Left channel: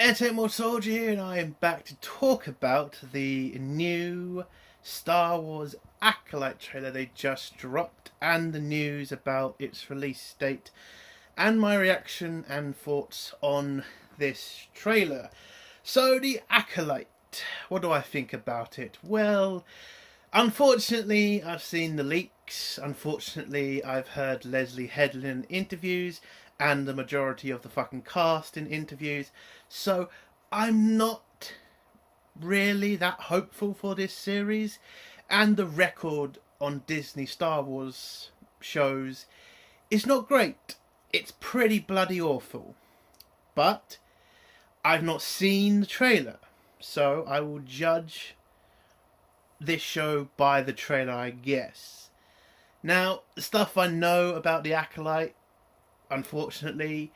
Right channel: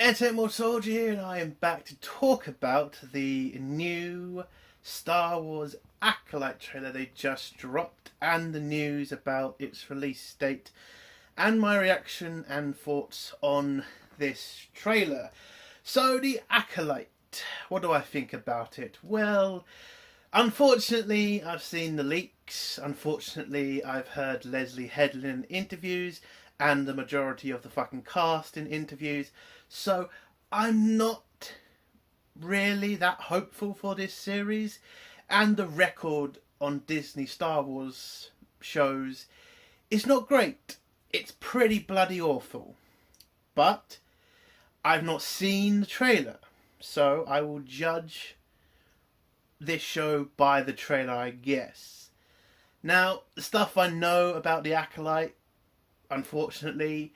Entertainment Soldier here, and I am back to talk about the new Star Wars Acolyte trailer they just dropped and the news about its release date and my reaction and thoughts on this trailer. So, the Acolyte, what do I think about it? Well, unfortunately, I've seen the leaks. Unfortunately, I've heard Leslie Headland in interviews and the majority of the fucking cast in interviews. So I'm not really that hopeful for this series. And the record on Disney Star Wars shows is not great. It's pretty bloody awful. But I've not seen the trailer, so I will judge this show by the trailer, I guess. Now, the stuff I know about the Acolyte, unfortunately,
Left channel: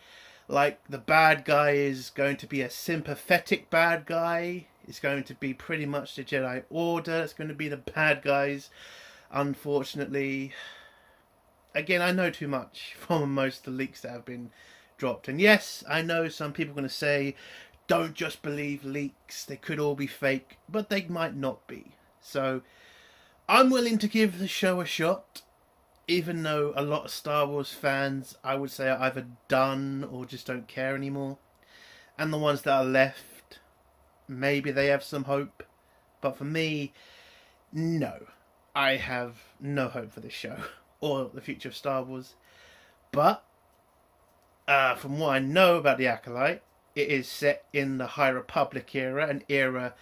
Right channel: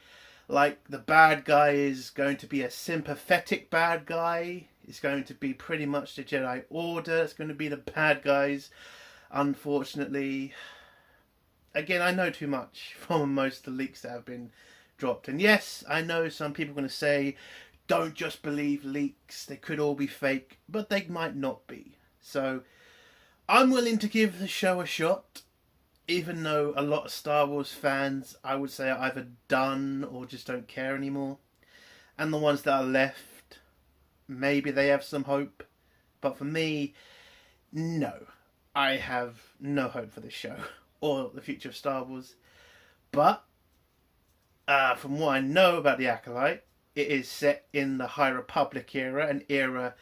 like the bad guy is going to be a sympathetic bad guy. It's going to be pretty much the Jedi Order. It's going to be the bad guys, unfortunately. Again, I know too much from most of the leaks that have been dropped. And yes, I know some people are going to say, don't just believe leaks. They could all be fake, but they might not be. So I'm willing to give the show a shot, even though a lot of Star Wars fans, I would say, are either done or just don't care anymore. And the ones that are left, maybe they have some hope. But for me, no. I have no hope for this show or the future of Star Wars. But from what I know about the Acolyte, it is set in the High Republic era, an era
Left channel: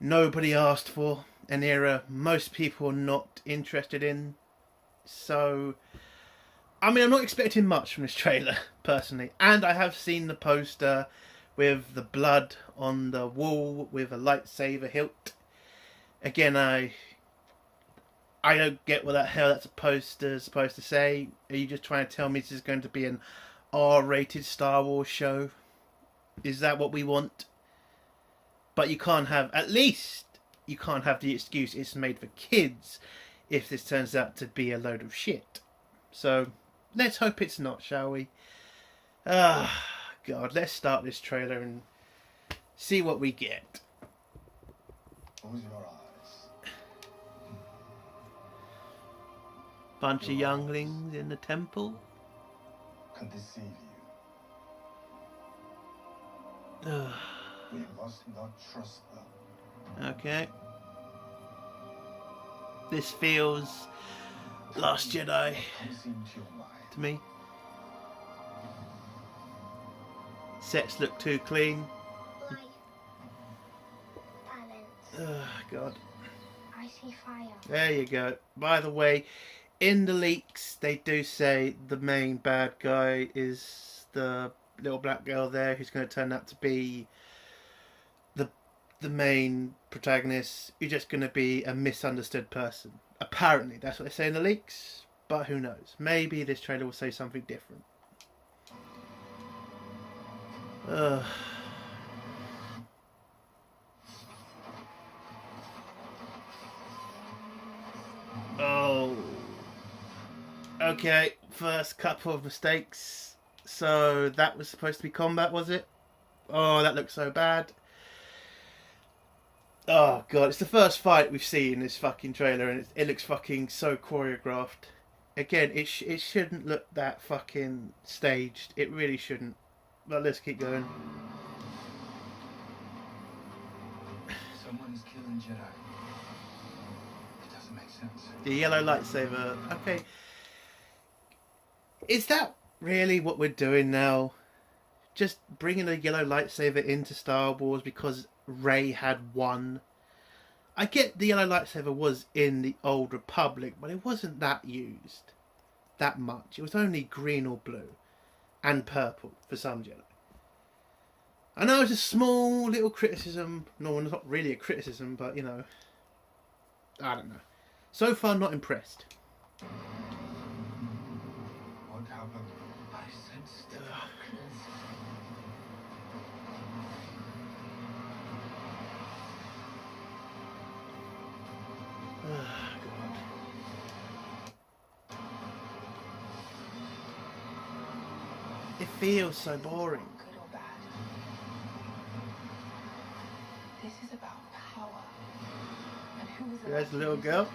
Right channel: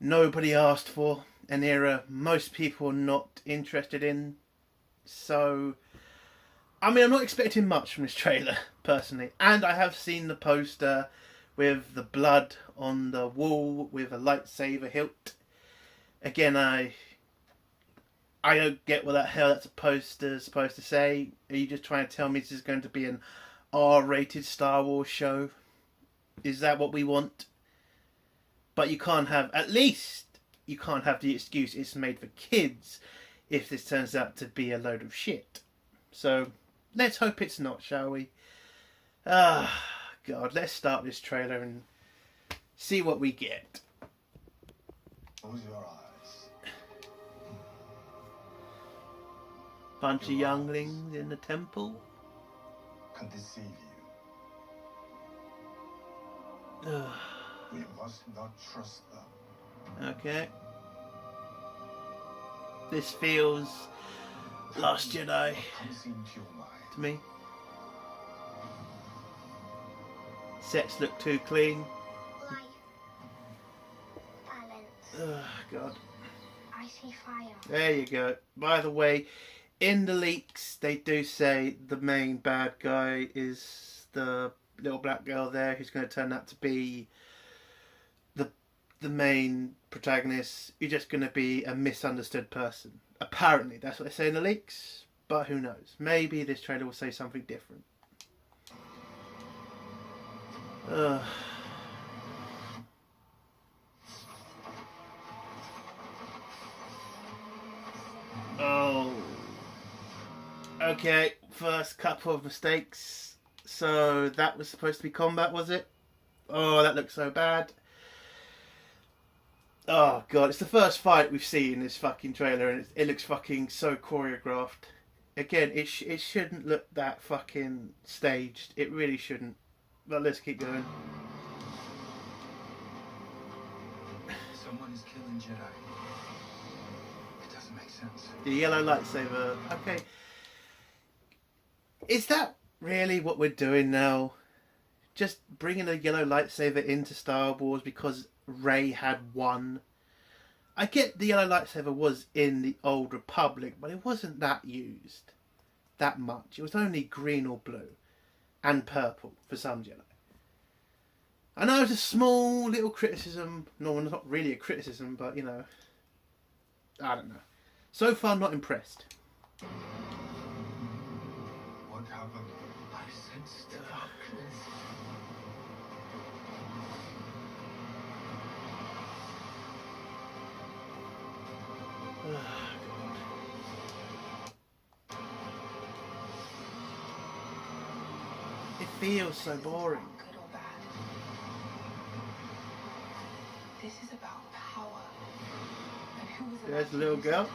nobody asked for, an era most people are not interested in. So, I mean, I'm not expecting much from this trailer, personally. And I have seen the poster with the blood on the wall with a lightsaber hilt. Again, I don't get what the hell that's a poster supposed to say. Are you just trying to tell me this is going to be an R-rated Star Wars show? Is that what we want? But you can't have, at least, you can't have the excuse it's made for kids if this turns out to be a load of shit. So, let's hope it's not, shall we? God, let's start this trailer and see what we get. Close your eyes. Bunch of younglings in the temple. Can deceive you. Ugh. We must not trust them. Okay. This feels Last Jedi Comes into your mind. to me. Sets look too clean. Why? Balance. Oh, God. I see fire. There you go. By the way, in the leaks, they do say the main bad guy is the little black girl there who's going to turn out to be the main protagonist. You're just going to be a misunderstood person. Apparently, that's what they say in the leaks. But who knows? Maybe this trailer will say something different. Ugh. Oh. Okay, first couple of mistakes. So that was supposed to be combat, was it? Oh, that looks so bad. Oh, God, it's the first fight we've seen in this fucking trailer, and it looks fucking so choreographed. Again, it shouldn't look that fucking staged. It really shouldn't. But let's keep going. Someone is killing Jedi. It doesn't make sense. The yellow lightsaber. Okay. Is that really what we're doing now? Just bringing a yellow lightsaber into Star Wars because Rey had one? I get the yellow lightsaber was in the Old Republic, but it wasn't that used that much. It was only green or blue and purple for some Jedi. I know it's a small little criticism. No, it's not really a criticism, but you know, I don't know. So far, not impressed. What happened? I sense darkness. It feels so boring. Good or bad? This is about power. And who is There's allowed the to little use girl. it.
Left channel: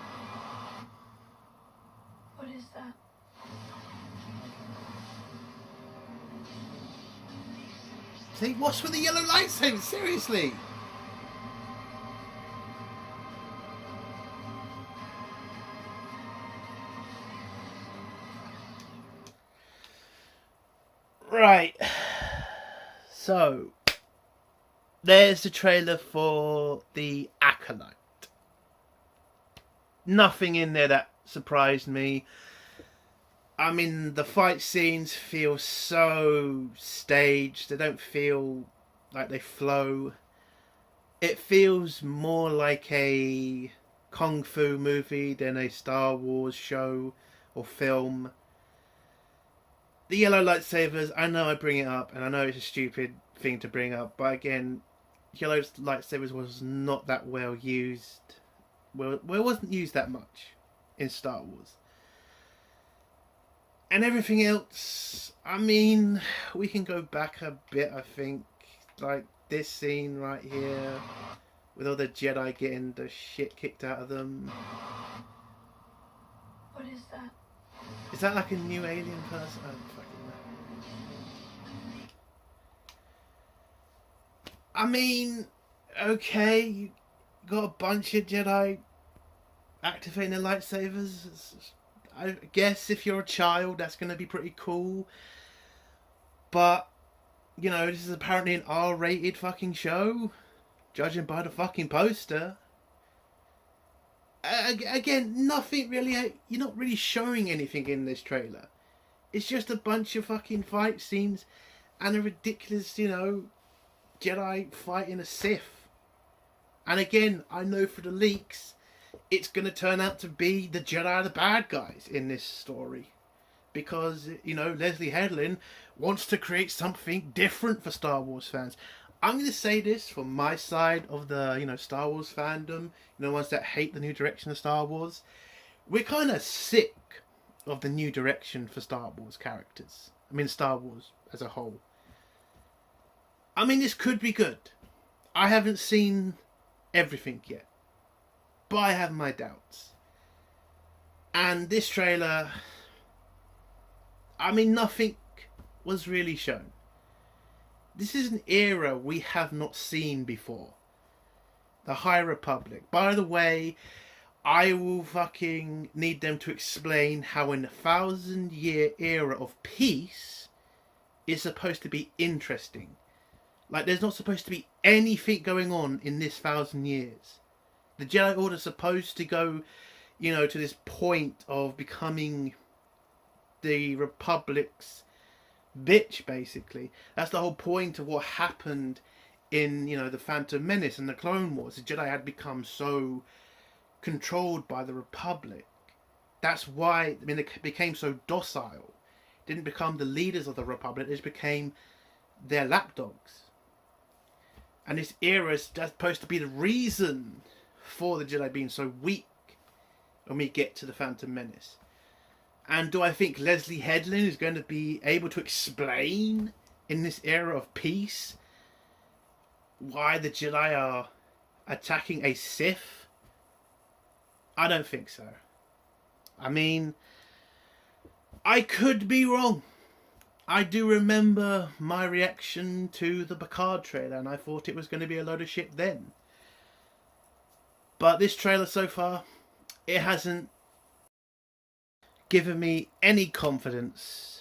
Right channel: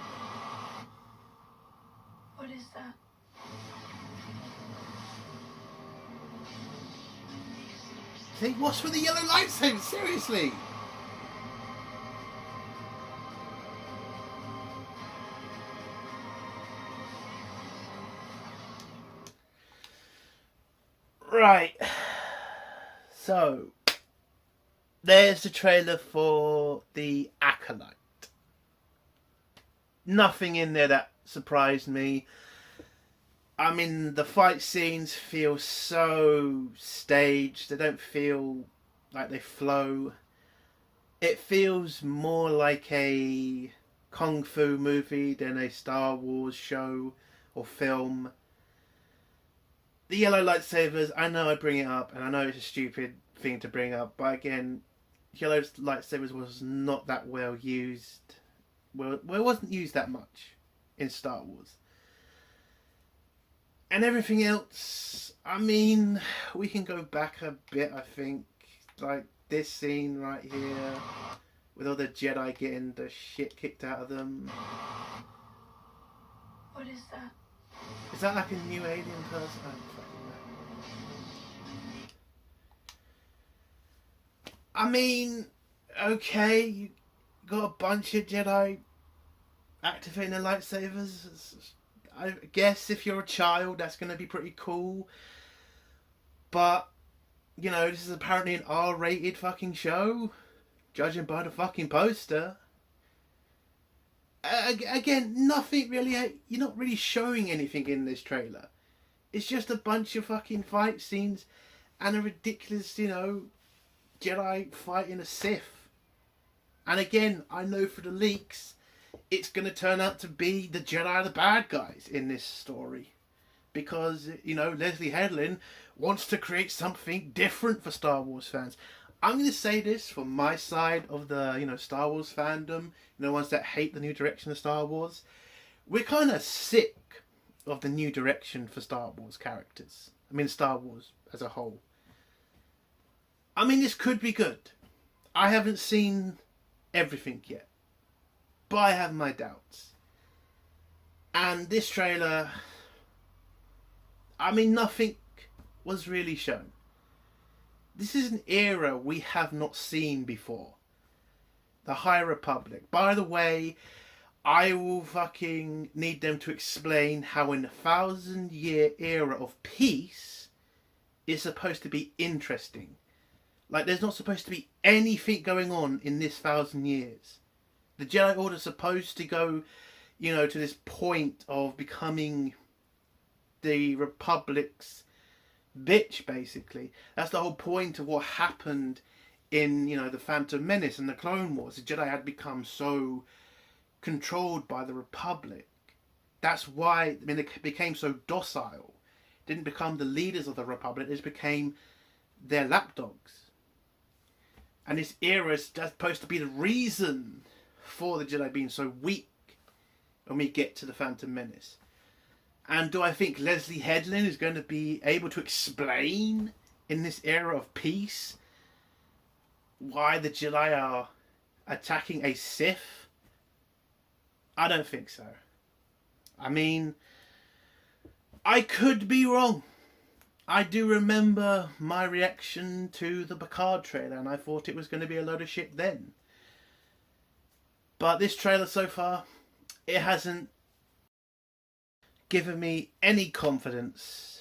What is that? See, what's with the yellow lightsaber? Seriously. Right. So, there's the trailer for The Acolyte. Nothing in there that surprised me. I mean, the fight scenes feel so staged. They don't feel like they flow. It feels more like a Kung Fu movie than a Star Wars show or film. The yellow lightsabers, I know I bring it up, and I know it's a stupid thing to bring up, but again, yellow lightsabers was not that well used. Well, it wasn't used that much in Star Wars. And everything else, I mean, we can go back a bit, I think. Like this scene right here, with all the Jedi getting the shit kicked out of them. What is that? Is that like a new alien person? I don't fucking know. I mean, okay, you got a bunch of Jedi activating their lightsabers. I guess if you're a child, that's going to be pretty cool. But, you know, this is apparently an R-rated fucking show, judging by the fucking poster. Again, nothing really. You're not really showing anything in this trailer. It's just a bunch of fucking fight scenes and a ridiculous, you know, Jedi fighting a Sith. And again, I know for the leaks, it's going to turn out to be the Jedi are the bad guys in this story. Because, you know, Leslie Headland wants to create something different for Star Wars fans. I'm going to say this from my side of the, you know, Star Wars fandom, you know, ones that hate the new direction of Star Wars. We're kind of sick of the new direction for Star Wars characters. I mean, Star Wars as a whole. I mean, this could be good. I haven't seen everything yet, but I have my doubts. And this trailer, I mean, nothing was really shown. This is an era we have not seen before. The High Republic. By the way, I will fucking need them to explain how in a 1,000-year era of peace is supposed to be interesting. Like, there's not supposed to be anything going on in this 1,000 years. The Jedi Order is supposed to go, you know, to this point of becoming the Republic's bitch, basically. That's the whole point of what happened in, you know, the Phantom Menace and the Clone Wars. The Jedi had become so controlled by the Republic. That's why, I mean, they became so docile. Didn't become the leaders of the Republic. They just became their lapdogs. And this era is supposed to be the reason for the Jedi being so weak when we get to the Phantom Menace. And do I think Leslie Headland is going to be able to explain in this era of peace why the Jedi are attacking a Sith? I don't think so. I mean, I could be wrong. I do remember my reaction to the Picard trailer, and I thought it was going to be a load of shit then. But this trailer so far, it hasn't given me any confidence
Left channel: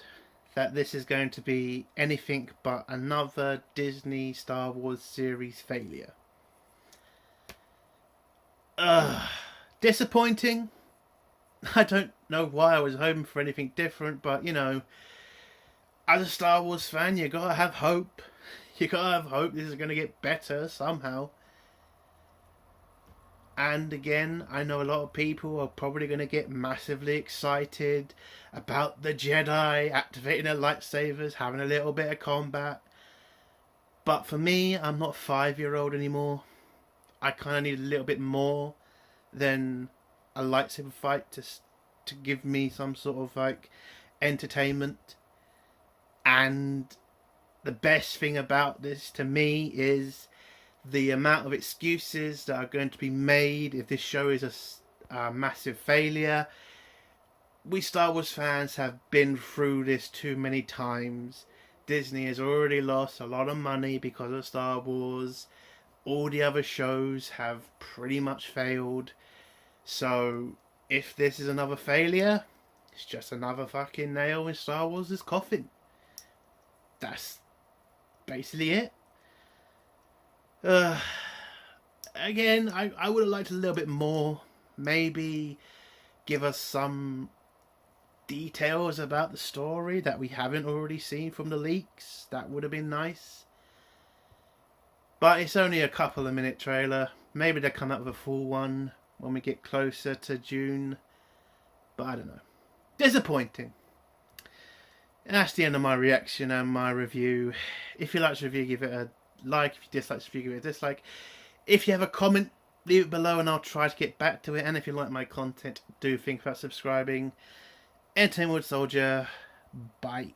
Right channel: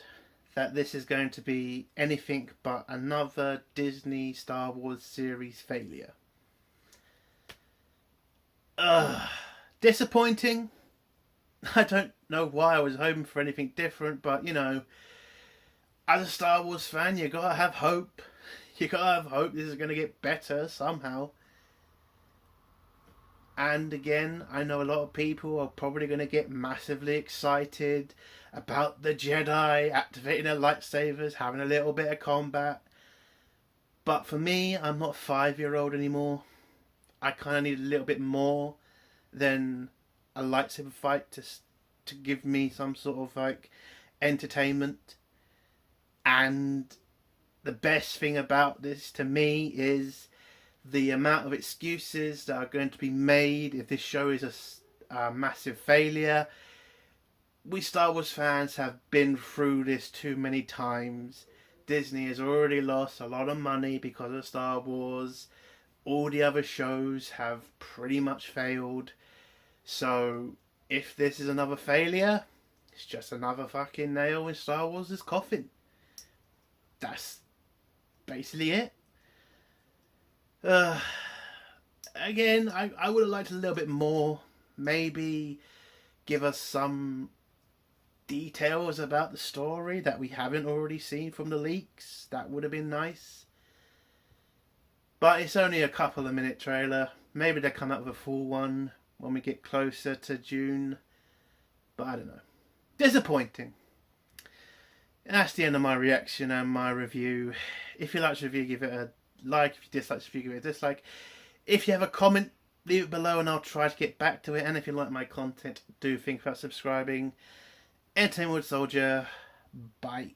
that this is going to be anything but another Disney Star Wars series failure. Disappointing. I don't know why I was hoping for anything different, but you know, as a Star Wars fan, you gotta have hope. You gotta have hope this is gonna get better somehow. And again, I know a lot of people are probably going to get massively excited about the Jedi activating their lightsabers, having a little bit of combat. But for me, I'm not a 5-year-old anymore. I kind of need a little bit more than a lightsaber fight to give me some sort of like entertainment. And the best thing about this to me is the amount of excuses that are going to be made if this show is a massive failure. We Star Wars fans have been through this too many times. Disney has already lost a lot of money because of Star Wars. All the other shows have pretty much failed. So if this is another failure, it's just another fucking nail in Star Wars' coffin. That's basically it. Again, I would have liked a little bit more. Maybe give us some details about the story that we haven't already seen from the leaks. That would have been nice. But it's only a couple of minute trailer. Maybe they'll come up with a full one when we get closer to June. But I don't know. Disappointing. And that's the end of my reaction and my review. If you like the review, give it a like. If you dislike the review, give it a dislike. If you have a comment, leave it below and I'll try to get back to it. And if you like my content, do think about subscribing. Entertainment Soldier. Bye.